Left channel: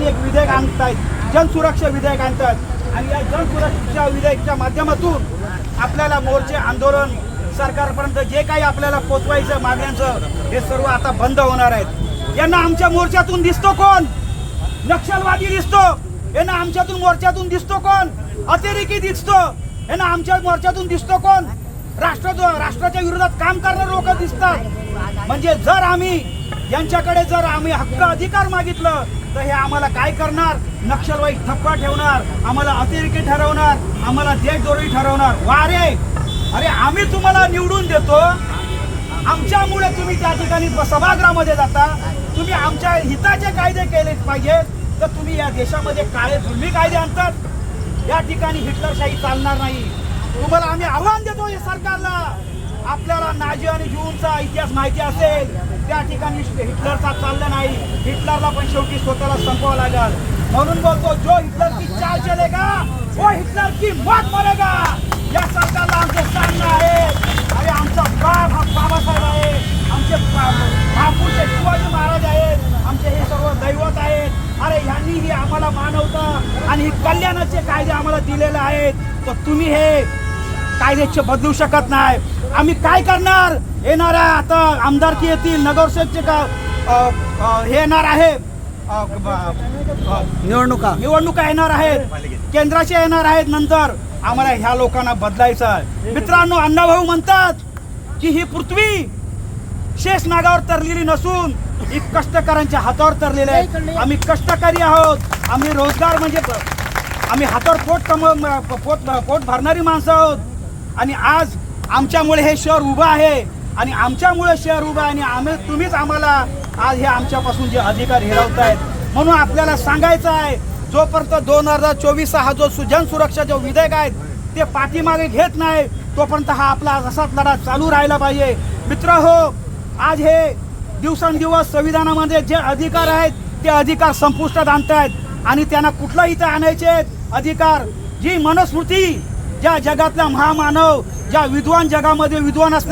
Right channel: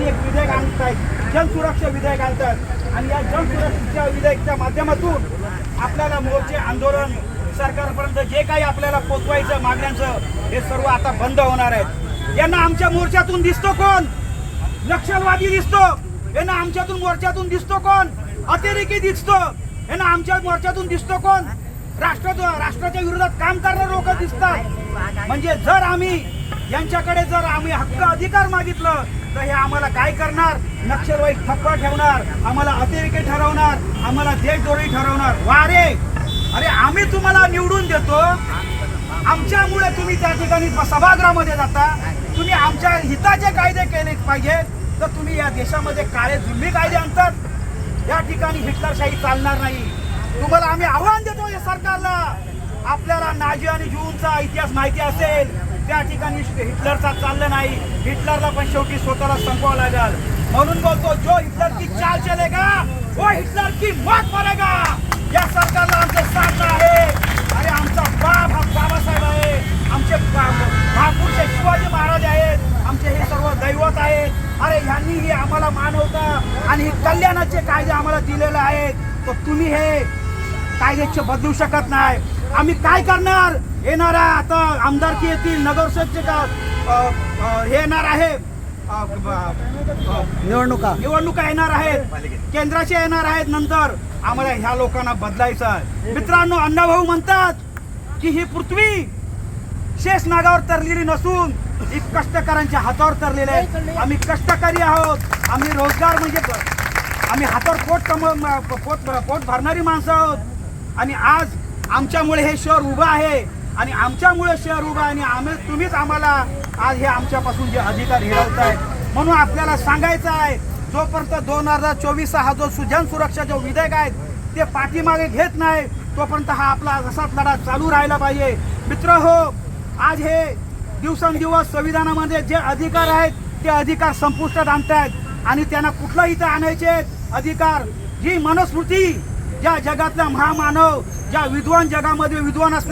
ठिकाणी एक विधेयक आणतायत. जनसुरक्षा विधेयक आणतात. आणि या जनसुरक्षा विधेयकच्या माध्यमातून आपल्याला मोर्चे आंदोलन सरकारपर्यंत जे काही आपल्याला पोचवायचं मागण्यांचं हे सर्व आता बंद होणार आहेत. यांना आमच्या मोर्चातून दिसतो कोण? नक्षलवादी दिसतो. यांना आमच्यातून मोर्चातून दिसतो कोण? अतिरेकी दिसतो. यांना आमच्या मोर्चातून दिसतो कोण? राष्ट्र राष्ट्राच्या विरोधात काम करणारे लोक दिसतात. म्हणजे जर आम्ही यांच्याकडे जर आम्ही हक्क अधिकार मागितलं तर हे आम्हाला काय करणार? नक्षलवाई थप्पा ठेवणार आम्हाला अतिरेकी ठरवणार आम्हाला देशदोरी ठरवणार. वारे! अरे आम्ही तुम्हाला निवडून देतो. आमच्यामुळे तुम्ही त्या ठिकाणी सभागृहामध्ये जाता. तुम्ही आमच्या हिताचे कायदे केले पाहिजेत. तर तुम्ही या देशामध्ये काळे जुलमी कायदे आणतात. या ठिकाणी हिटलरशाही चालणार नाही. तुम्हाला आम्ही आव्हान देतो या सरकारला. आपल्याला नाजी आणि जूनचा इतिहास माहिती असेल. त्या ठिकाणी हिटलरचा चाललं नाही. हिटलरला पण शेवटी स्वतःला संपवावं लागेल. म्हणून बोलतो जो हिटलर की चाल चलेगा वो हिटलर की मौत मरेगा या सरकारला आमचं सांगणं आहे. अरे आमचा बाप हा बाबासाहेब आहे. आमचे बा- महापुरुष शिवाजी महाराज आहेत. आमचे हे सर्व दैवत आहेत. अरे ह्यांनी ही आम्हाला मानवता आणि हे कल्याणाचे कायदे आम्हाला दिलेले आहेत. तर तुम्ही हे कायद्याचे बदलू शकत नाही. आम्ही काय करणार? येणाऱ्या आता आमदारकी येतील नगरसेवकचे का हे येणार आहे निवडणुका. निवडणुका येणार आहेत. केंद्राच्या येणार आहेत नंतर. आम्हाला ह्या लोकांना बदलायचं आहे. मित्रांनो अण्णाभाऊ म्हणतात की ही पृथ्वी शेष नागावर तरलेली नसून ही कष्टकऱ्यांच्या हातावर तरलेली आहे. आम्ही कष्टकरी आहोत. आम्ही रोजगार म्हणजे आम्ही हातावर पोट कम पोट पोट भरणारी माणसं आहोत. आणि आज आमच्यामुळे हे शहर उभं आहे. आणि आमच्यामुळे शहर उभं आणि आम्ही तुम्हीच आम्हाला आज हे आमच्यापासून जे अधिकार हिरवत आहेत म्हणून आपल्याला सांगायचं आहे जोपर्यंत दोन हजार चोवीस हा जो सुजन सुरक्षा जो विधेयक आहे ते पाठीमागे घेत नाही तोपर्यंत हा आपला असाच लढा चालू राहिला पाहिजे. मित्र हो आज हे दिवसेंदिवस संविधानामध्ये जे अधिकार आहेत ते अधिकार संपुष्टात आणतायत आणि त्यांना कुठलं इथं आणायचे अधिकार. जी मनुस्मृती ज्या जगातल्या महामानव ज्या विद्वान जगामध्ये विद्वान असले